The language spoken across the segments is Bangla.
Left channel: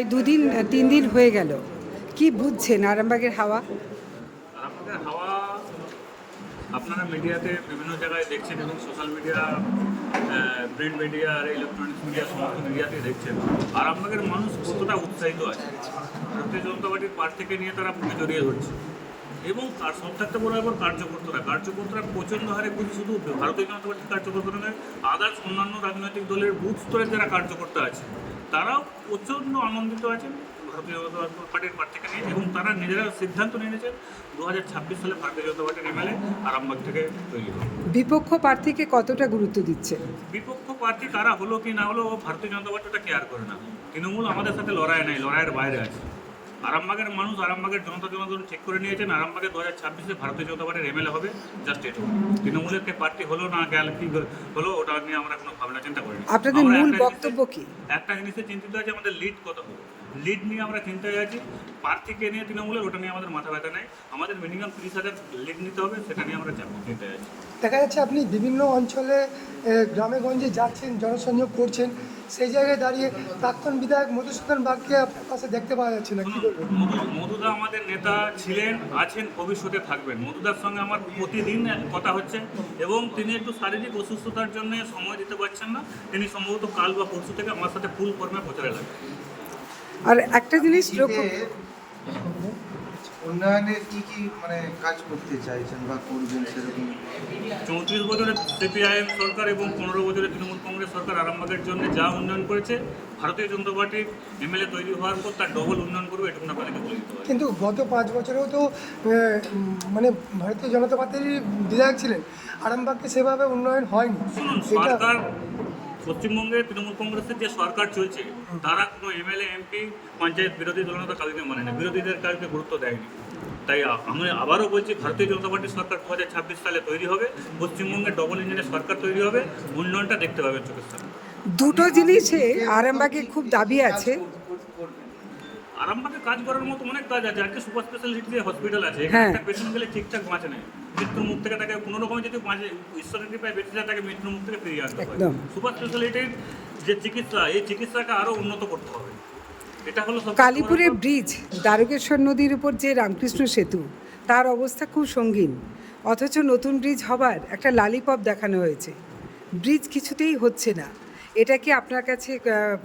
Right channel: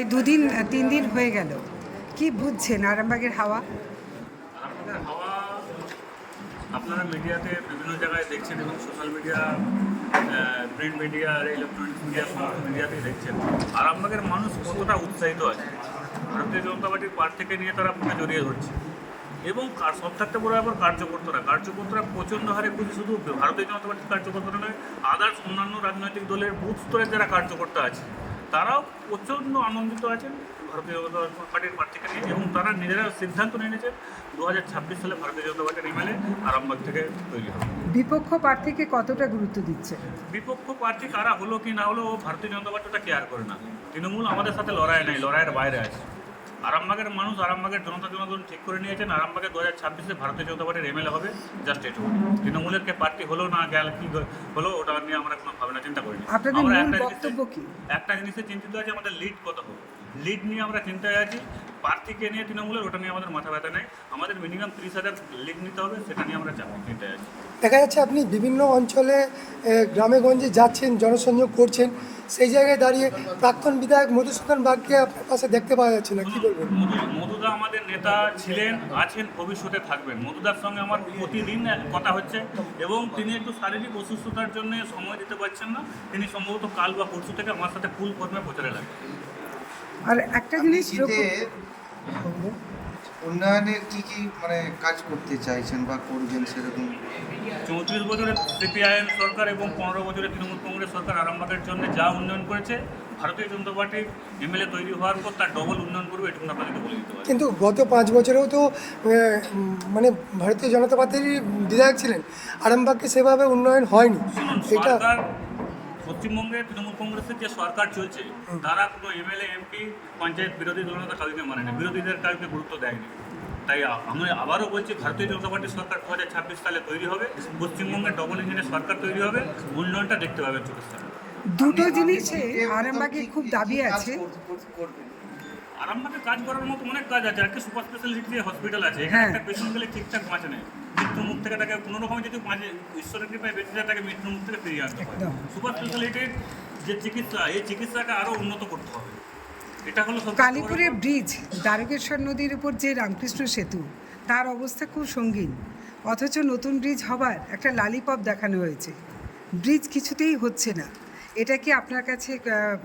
এই দুদিন 3 দিন হয়ে গেল, কি বুঝছেন আরামবাগের হাওয়া? আরামবাগের হাওয়া আপনারা মিডিয়াতে বিভিন্ন জায়গায় দেখছেন এবং সোশ্যাল মিডিয়া, প্রিন্ট মিডিয়া আর ইলেকট্রনিক্স মিডিয়া সমস্ত মিডিয়াতেই দেখছেন আরামবাগের মানুষ কতটা উৎসাহিত আছে। ভারতীয় জনতা পার্টির প্রার্থীকে নিয়ে তারা বুকে জড়িয়ে ধরছে এবং সব থাকতে বড় ব্যাপার কার্যকর্তারা প্রচণ্ড হারে খুশি। শুধু ভারতীয় জনতা পার্টির কার্যকর্তারা নয়, আদার্স অন্যান্য রাজনৈতিক দলের বুথ স্তরের যারা কার্যকর্তা আছে তারাও প্রচণ্ড আনন্দিত আছেন ভারতীয় জনতা পার্টির প্রার্থীকে নিয়ে এবং তারা নিজেরা সিদ্ধান্ত নিয়ে নিয়েছেন 2026 সালে ভারতীয় জনতা পার্টির এমএলএ আরামবাগ থেকে তৈরি হবে। বিপক্ষ প্রার্থীকে কতটা গুরুত্ব দিচ্ছে? বিপক্ষ প্রার্থী কারা হলো কি না হলো ভারতীয় জনতা পার্টিটা কেয়ার করে না। তৃণমূল আমাদের সাথে লড়াই নেই, লড়াইয়ের বাইরে আছে। আরামবাগের মানুষ, আরামবাগের জনগণ ঠিক করে নিয়েছেন আরামবাগে 2026-এ ভারতীয় জনতা পার্টির এমএলএ হবে। জাস্ট এটুকু। তৃণমূলের কে পার্টি হলো না গেল কি হলো ওটা নিয়ে আমরা কোনো ভাবনা চিন্তা করিনি। আপনাদের মূল বক্তব্য কি? একটা জিনিসে চিন্তিত আছে, আমাদের লিড কত হবে, লিড নিয়ে আমরা চিন্তায় আছি। প্রার্থীকে নিয়ে তৃণমূলের ওটা নিয়ে আমাদের মাথা ব্যথা নেই। আমাদের মিনিমাম 30,000 লিড নিতে হবে, সেটা নিয়ে আমরা চিন্তায় আছি। দেখা যাচ্ছে আপনি বিভিন্ন অঞ্চলে গ্রামে গঞ্জে যাচ্ছেন, জনসংযোগ করছেন, সেই জায়গায় দাঁড়িয়ে প্রাক্তন বিধায়ক মধুসূদন বাগকে আপনার পাশে দেখতে পাওয়া যাচ্ছে না, কি বলবেন? মধুদা আমাদের নেতা ছিলেন, আছেন, ভবিষ্যতে থাকবেন। মধুদার সঙ্গে আমার প্রতিদিন কথা হচ্ছে এবং তিনি একটু শারীরিক অসুস্থতার জন্য সময় দিতে পারছেন না। তিনি সম্ভবত কাল বা পরশু থেকে আমার সাথে ফুল ফর্মে প্রচারে লাগবেন। আর একটা জিনিস লক্ষ্য, উন্নয়নের কি কাজ করতে চাইছেন বা করবেন সেরকম? 34 বছরের সিপিআইএম সরকার এবং 15 বছরের তৃণমূল কংগ্রেস সরকার আরামবাগের জন্য যা উন্নয়ন করেছে, ভারতীয় জনতা পার্টির এমএলএ তৈরি হওয়ার পর তার ডবল উন্নয়ন করবে, এটুকু আপনাদেরকে বলে দিতে পারি। কিন্তু গত 5 বছরেও তো ভারতীয় জনতা পার্টির বিধায়ক ছিলেন, আরামবাগকে সেভাবে উন্নয়ন হয়নি। শুনুন, সরকার পশ্চিমবঙ্গে তৃণমূল কংগ্রেসের যে সরকার চলছে তারা কোনো এমএলএ এমপি পঞ্চায়েত বিরোধী দলনেতা কাউকে মানে না, বিরোধীদের কাউকে গুরুত্ব দেয়নি। তাই আমি আবারও বলছি, ভারতীয় জনতা পার্টির সরকার 2026 সালে তৈরি হবে, পশ্চিমবঙ্গে ডবল ইঞ্জিনের সরকার তৈরি হবে, উন্নয়নটা দেখতে পাবেন চোখের সামনে। দুটো জিনিসে আরামবাগে খুব দাবি আছে। আরামবাগে কাজ করার মতো অনেক কাজ আছে। আজকে সুপার স্পেশালিটি যে হসপিটাল আছে, এখানে একটা পেশেন্ট গেলে ঠিকঠাক বাঁচে নেই, মৃত্যুর মুখ থেকে তাকে কোনো রকমের যদি ঈশ্বরের কৃপায় বেঁচে যায় তাকে মৃত্যুর মুখ থেকে ফিরিয়ে আনতে হয়। সুপার স্পেশালিটির যে চিকিৎসা, এই চিকিৎসাকে আরও উন্নত করতে হবে। এটা হলো কালীপুরের ব্রিজ, দ্বারকেশ্বর নদীর উপর যে রামকৃষ্ণ সেতু, তার অবস্থা খুব সঙ্গীন, অথচ নতুন ব্রিজ হবার একটা লালিপপ দেখানো হয়েছে। ব্রিজ কিছুতেই হচ্ছে না। এটা কি আপনার কাছে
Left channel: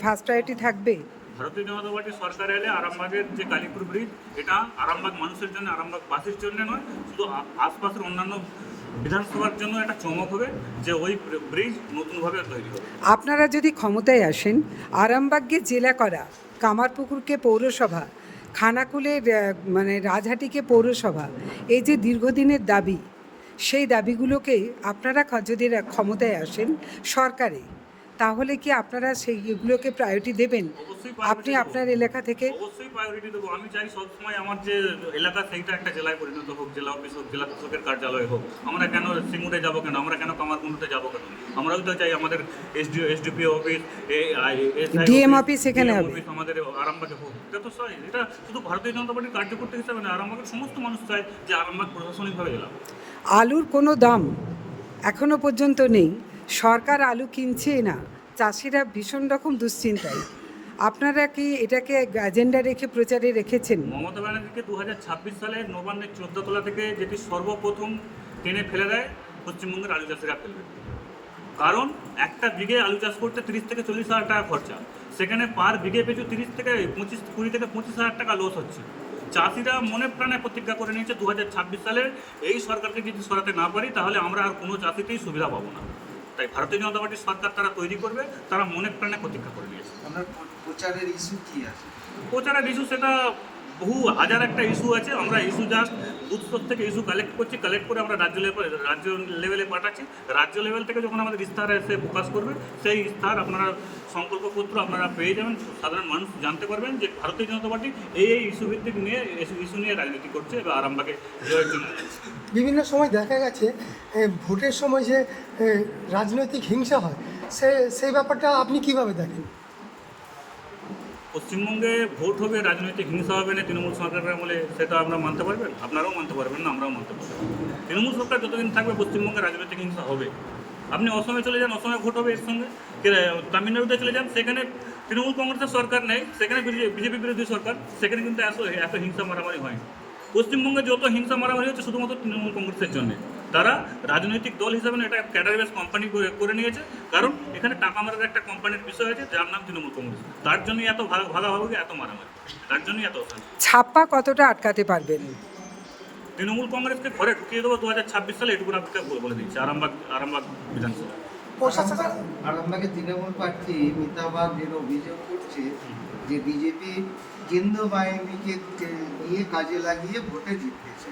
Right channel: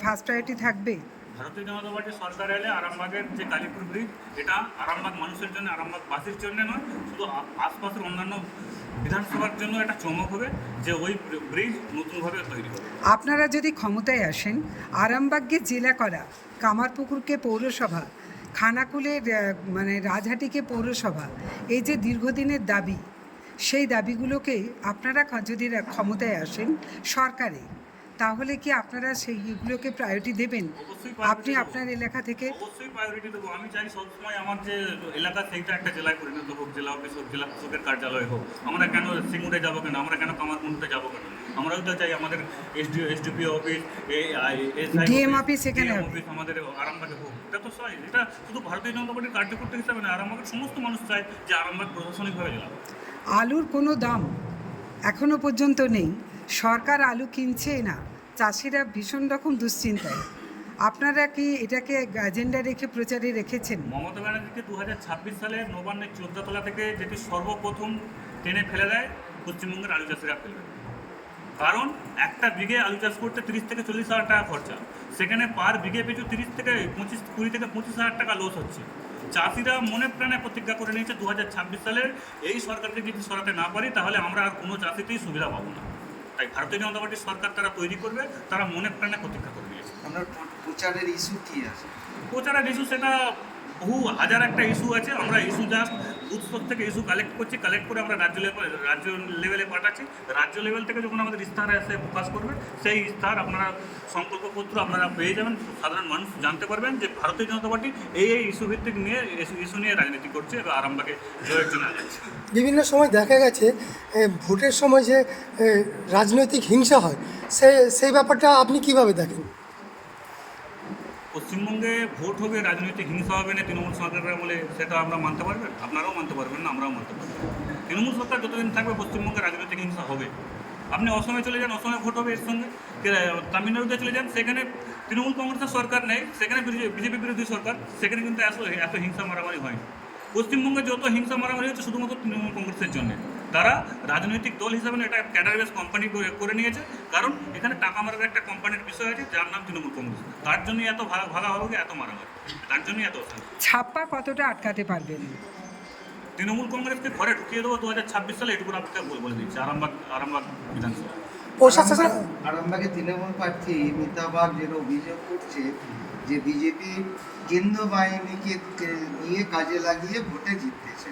ফার্স্ট প্রায়োরিটি থাকবে? ভারতীয় জনতা পার্টির সরকার এলে আরামবাগের যে কালীপুর ব্রিজ, এটা আরামবাগ মানুষের জন্য, আরামবাগবাসীর জন্য নয়, শুধু আশপাশের অন্যান্য বিধানসভার জন্য একটা চমক হবে যে ওই ব্রিজ নতুনভাবে তৈরি হবে। আপনারা যদি ক্ষমতায় আসেন, আরামবাগকে জেলা করা, কামারপুকুরকে পৌরসভা, খানাকুলের রাজহাটিকে পৌরসভা, এই যে দীর্ঘদিনের দাবি, সেই দাবিগুলোকেই আপনারা যদি ক্ষমতায় আসেন সরকারে, তাহলে কি আপনারা সেইগুলোকে প্রায়োরিটি দেবেন? আপনি আপনার এলাকা থেকে অবশ্যই প্রায়োরিটি দেবো। আমি চাই সবসময় আমার যে এলাকা সেইটা একটা জেলায় পরিণত হোক, জেলা অফিস হোক, জেলা শাসকের কার্যালয় হোক। আমরা কেন সিঙ্গুরে যাবো, কেন আমরা কেন কামারকুণ্ডুতে যাবো, কেন আমরাও তো চাই আমাদের এসডিপিও অফিস, ডিএম অফিস এখানে হবে, আমাদের আরামবাগে হোক। এটা তো চাই, এটা শুধু ভারতীয় জনতা পার্টির কার্যকর্তা হিসাবে না, আরামবাগের সমস্ত মানুষ চায় যে আরামবাগ প্রশাসনিকভাবে জেলা। আলুর কোনো দাম এখনো পর্যন্ত নেই, সরকার আলু কিনছে না, চাষিরা ভীষণ রকম দুশ্চিন্তায়। আপনারা কি এটাকে এজেন্ডা রেখে প্রচারে রেখেছেন? মমতা ব্যানার্জিকে 2026 সালে নবান্নের 14 তলা থেকে যেটি সর্বপ্রথম টেনে ফেলে দেয়, পশ্চিমবঙ্গের আলু চাষিরা ফেলবে। কারণ একটা বিঘে আলু চাষ করতে 30 থেকে 40 হাজার টাকা খরচা, সেখানে পার বিঘে পিছু 20 থেকে 25 হাজার টাকা লস হচ্ছে। চাষিরা মনে প্রাণে প্রতিজ্ঞা করে নিয়েছে 2026 সালের এই সরকারকে যদি সরাতে না পারি তাহলে আমরা আর কোনো চাষিতেই সুবিধা পাবো না। তাই ভারতীয় জনতা পার্টির সরকার তারা তৈরি করবে, তারা মনে প্রাণে প্রতিজ্ঞা করে নিয়েছে। প্রচারের ইস্যু কি আছে? প্রচারের ইস্যু সেটা বহু হাজার একটা ইস্যু আছে। আমরা ইস্যু জাস্ট বুথ স্তর থেকে ইস্যু কালেক্ট করছি, কালেক্ট করে আমরা রাজ্য লেভেলে পাঠাচ্ছি। রাজ্য লেভেল থেকে যখন আমাদের ইস্তাহার এসে প্রকাশ করবে, সেই ইস্তাহার আপনারা সংকল্পপত্র আপনারা পেয়ে যাবেন। সাধারণ মানুষ জানতে পারবেন যে ভারতীয় জনতা পার্টি এই ইস্যু ভিত্তিক নিয়ে ইস্যু নিয়ে রাজনীতি করছে এবং আরামবাগে জয়ের জন্য আগাচ্ছে। বিভিন্ন সময় দেখা গেছে ভোটের সময় যে রাজনৈতিক হিংসা হয়, সেই ব্যাপারটা আপনি কিভাবে দেখেন? পশ্চিমবঙ্গে ভোট হবে, রাজনৈতিক হিংসা হবে না তৃণমূল সরকারের আমলে, সেটা আমরা মানতে পারবেন? আপনারাও মানতে পারবেন না, আমরাও মানতে পারবো। তৃণমূল সরকার যতদিন থাকবে পশ্চিমবঙ্গে রাজনৈতিক হিংসা হবে। আপনি অসমে চলে যান, অসমে ভোট হবে এর সঙ্গে। তামিলনাড়ুতে চলে যান, সেখানে তৃণমূল কংগ্রেসের সরকার নেই, সেখানে বিজেপি বিরোধী সরকার, সেখানে কিন্তু এত হিংসা মারামারি হয়নি। পশ্চিমবঙ্গে যত হিংসা মারামারি হচ্ছে শুধুমাত্র তৃণমূল কংগ্রেসের জন্য। তারা রাজনৈতিক দল হিসাবে এটা ক্যাডার বেস কোম্পানি করে নিয়েছে, কারণ এখানে টাকা মারার একটা কোম্পানির বিষয় আছে যার নাম তৃণমূল কংগ্রেস। তার জন্যই এত ভাগাভাগি, এত মারামারি, তার জন্যই এত অশান্তি। ছাপ্পা কতটা আটকাতে পারবেন? তৃণমূল কংগ্রেসকে ঘরে ঢুকিয়ে দেবো 2026 সালে, এটুকু আপনাকে বলে দিচ্ছি। আরামবাগ বিধানসভা প্রশাসন আরামবাগে তৃণমূল প্রার্থী মিতাবাগ যে অভিযোগ করছে যে বিজেপি কেন্দ্র বাহিনীকে নিয়ে কাজে লাগিয়ে ভোটে জিততেছে।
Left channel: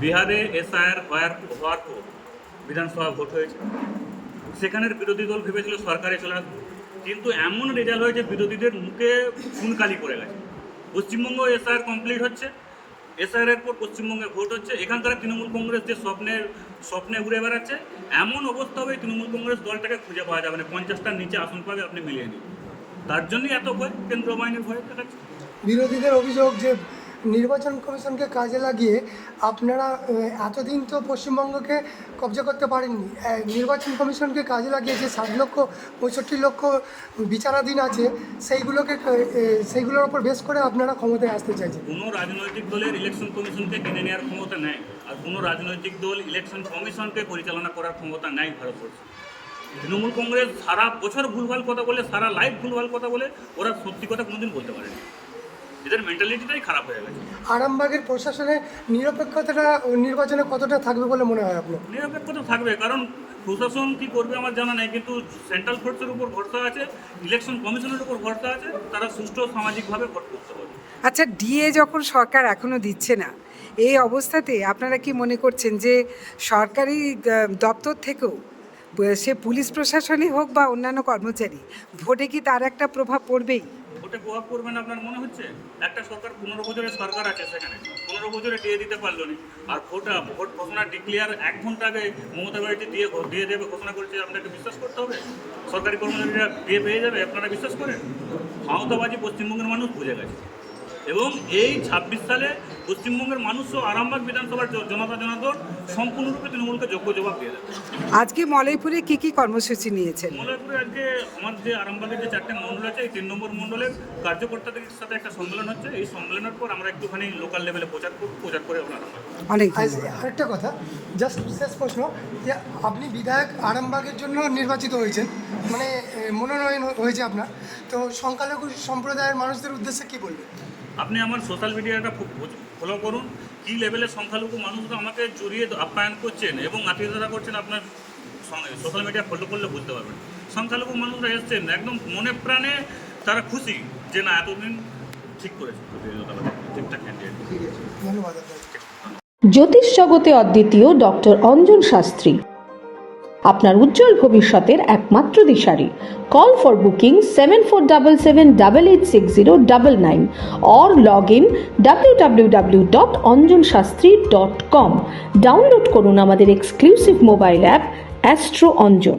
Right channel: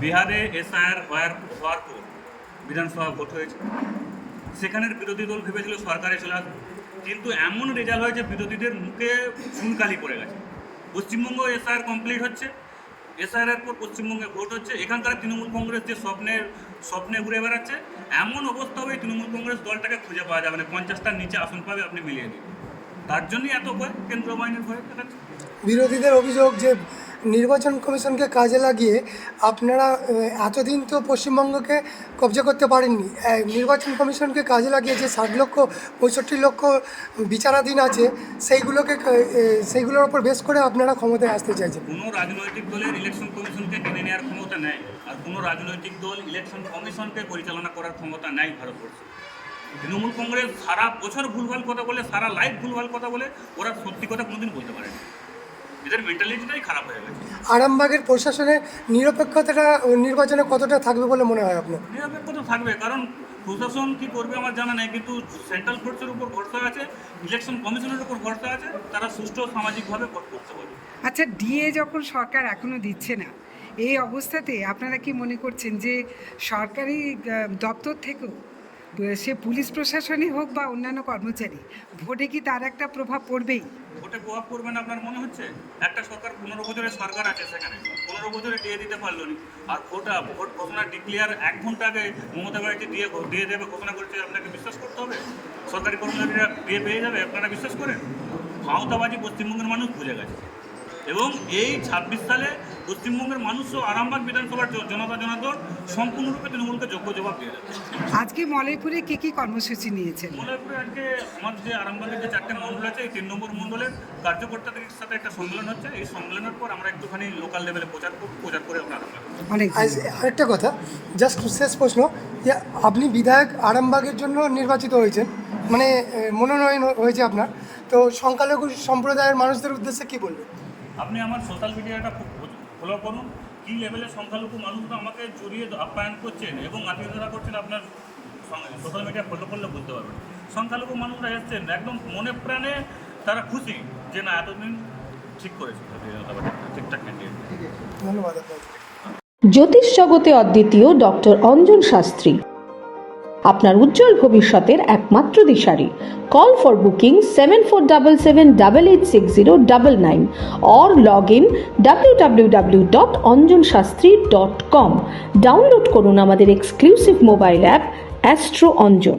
বিহারে এসআইআর হওয়ার পর বিধানসভা ভোট হয়েছে, সেখানের বিরোধী দল ভেবেছিল সরকারে চলে আসবে, কিন্তু এমন রেজাল্ট হয়েছে বিরোধীদের মুখে খুনকালি পড়ে গেছে। পশ্চিমবঙ্গ এসআইআর কমপ্লিট হচ্ছে, এসআইআর এর পর পশ্চিমবঙ্গে ভোট হচ্ছে, এখানকার তৃণমূল কংগ্রেস যে স্বপ্নে উড়ে বেড়াচ্ছে, এমন অবস্থা হবে তৃণমূল কংগ্রেস দলটাকে খুঁজে পাওয়া যাবে না। 50টার নিচে আসন পাবে, আপনি মিলিয়ে নিন। তার জন্যই এত ভয়, কেন্দ্রীয় বাহিনীর ভয় দেখাচ্ছে। বিরোধীদের অভিযোগ যে নির্বাচন কমিশনকে কাজে লাগিয়ে আপনারা এতদিন তো পশ্চিমবঙ্গকে কবজা করতে পারেননি, নির্বাচন কমিশনকে কাজে লাগিয়ে যে 60 লক্ষ 65 লক্ষ বিচারাধীন আছে সেইগুলোর উপর বেশ করে আপনারা ক্ষমতায় আসতে চাইছেন। কোনো রাজনৈতিক দলের ইলেকশন কমিশনকে কিনে নেওয়ার ক্ষমতা নেই, আর কোনো রাজনৈতিক দল ইলেকশন কমিশনকে পরিচালনা করার ক্ষমতা নেই ভারতবর্ষে। তৃণমূল কংগ্রেস সারা বছর ভুলভাল কথা বলে, সারা লাইফ ভুলভাল কথা বলে, ওরা সত্যি কথা কোনোদিন বলতে পারেনি। এদের মেন্টালিটিটাই খারাপ হয়ে গেছে। আরামবাগের প্রশাসনের নিরপেক্ষতাটা নির্বাচনে কতটা থাকবে বলে মনে হয় আপনার? নিরপেক্ষতা থাকবে, কারণ প্রশাসন কি করবে আমার জানা নেই, কিন্তু সেন্ট্রাল ফোর্সের উপর ভরসা আছে, ইলেকশন কমিশনের উপর ভরসা আছে, তারা সুষ্ঠু সামাজিকভাবে ভোট করতে পারবে। আচ্ছা, ডিএ যখন সরকার এখনো দিচ্ছে না, এই অবস্থাতে আপনারা কি মনে করছেন যে সরকারি দপ্তর থেকেও, সে পুলিশ প্রশাসনই হোক বা অন্যান্য কর্মচারী, ভোটে কি তার একটা প্রভাব পড়বেই? ভোটে প্রভাব করবেন আপনার মনে হচ্ছে? একটা সরকার 15 বছরের সরকার আছে, সেখানে 15 বছরে দিয়ে দিতে পারলো না, আর ভোট ঘোষণা ডিক্লিয়ার 1 ঘন্টা আগে মমতা ব্যানার্জি দিয়ে দেবে ঘোষণা করছে, আপনাকে বিশ্বাস করতে হবে? সরকারি কর্মচারীরা দিয়ে পেয়ে যাবে, আপনারা বিশ্বাস করেন? ক্ষমতাবাজি পশ্চিমবঙ্গের মানুষ বুঝে গেছে, এবং এই 26 সালে পশ্চিমবঙ্গের মানুষও আরামবাগ বিধানসভার জনগণ সম্পূর্ণরূপে তৃণমূলকে যোগ্য জবাব দিয়ে দেবে। আজকে মলয়পুরে কি কি কর্মসূচি নিয়েছেন? মলয়পুরে আজকে আমার যে আরামবাগের যে 4টে মণ্ডল আছে, এই 3 নম্বর মণ্ডলের কার্যকর্তাদের সাথে একটা সম্মেলন হচ্ছে। এই সম্মেলনের পর আমরা একটুখানি লোকাল লেভেলে প্রচার করে আমরা আরামবাগ। অনেক আরেকটা কথা, জাস্ট শেষ প্রশ্ন, যে আপনি বিধায়ক আরামবাগের জন্য নির্বাচিত হয়েছেন, মানে মনোনয়ন হয়েছে আপনার, তো সংখ্যালঘু সম্প্রদায়ের মানুষদের উদ্দেশ্যে কী বলবেন? আপনি আমার সোশ্যাল মিডিয়াটা ফলো করুন, কী লেভেলের সংখ্যালঘু মানুষরা আমাকে জড়িয়ে আপ্যায়ন করছেন এবং আত্মীয়তা করছেন। আপনার সোশ্যাল মিডিয়া ফলো করলে বুঝতে পারবেন সংখ্যালঘু মানুষরা এসছেন একদম মনে প্রাণে, তারা খুশি যে না এতদিন ঠিক করেছে ঠিকঠাক ক্যান্ডিডেট। ধন্যবাদ। জ্যোতিষ জগতে অদ্বিতীয় ডক্টর অঞ্জন শাস্ত্রী, আপনার উজ্জ্বল ভবিষ্যতের একমাত্র দিশারি। Call for booking 7477886099 or log in www.anjanshastri.com। Download করুন আমাদের exclusive mobile app astro Anjan.